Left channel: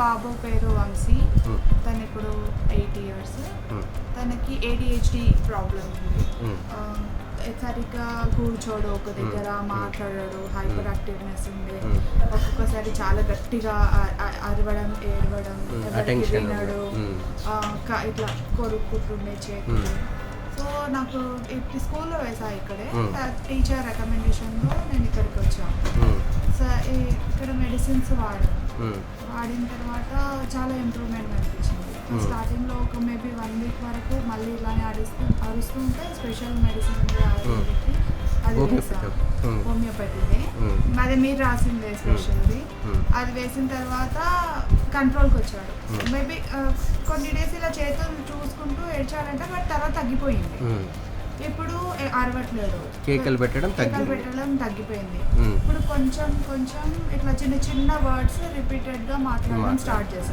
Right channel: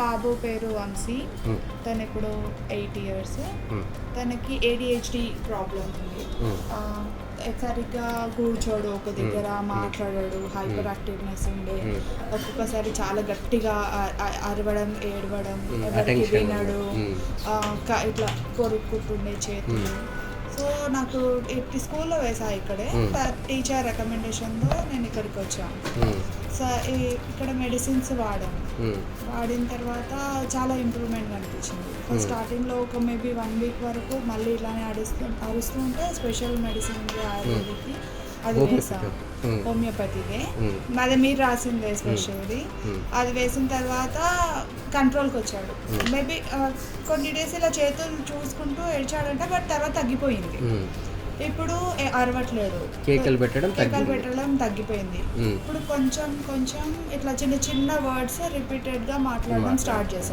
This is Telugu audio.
బాబు పేరు వంశీ. తను ఇప్పుడు 8 years. తనకి ADHD ప్రాబ్లం ఉంది. సరిగ్గా కూర్చోడు, ఒక దగ్గర మాట్లాడాడు, హైపర్ యాక్టివ్నెస్ ఉండి ఒక్కొక్కసారి చాలా గట్టిగా అరవడం, ఏడవడం, ఎవరికి వినడు, ఇట్లా కొరుక్కుంటుండే చేతులు. సో నాకు స్కూల్లో వేసా ఇక్కడే, టీచర్ రికమెండేషన్తో నేను ఇక్కడికి వచ్చాను. ఇక్కడ మెడిసిన్స్ వాడిన తర్వాత చాలా ఇంప్రూవ్మెంట్ కనిపించింది. స్టార్టింగ్లో ఒక మేబీ 1 week వరకు మళ్ళీ ఇలానే అరుస్తూ ఉంటే స్పెషల్ మెడిసిన్ ఉంది ఆయుర్వేదిక్కి, అది వేసాం. హోమియోపతిదే, అదే మీరు రాసిందే స్పెషల్ది. అది వేసిన తర్వాత కంట్రోల్కి వచ్చాడు. మేబీ కొన్ని డేస్ ఇలా చేతులు చూసుకుంటూ ఏడ్చాడంట, బట్ తర్వాత తగ్గిపోయింది. ఇప్పుడు అరవట్లేదు, కేకలు పెట్టడం తగ్గిపోయింది. ఇప్పుడు కొంచెం ఇట్లా చిన్న చిన్న వర్డ్స్ రిపీటెడ్గా మాట్లాడడం స్టార్ట్ చేశాడు.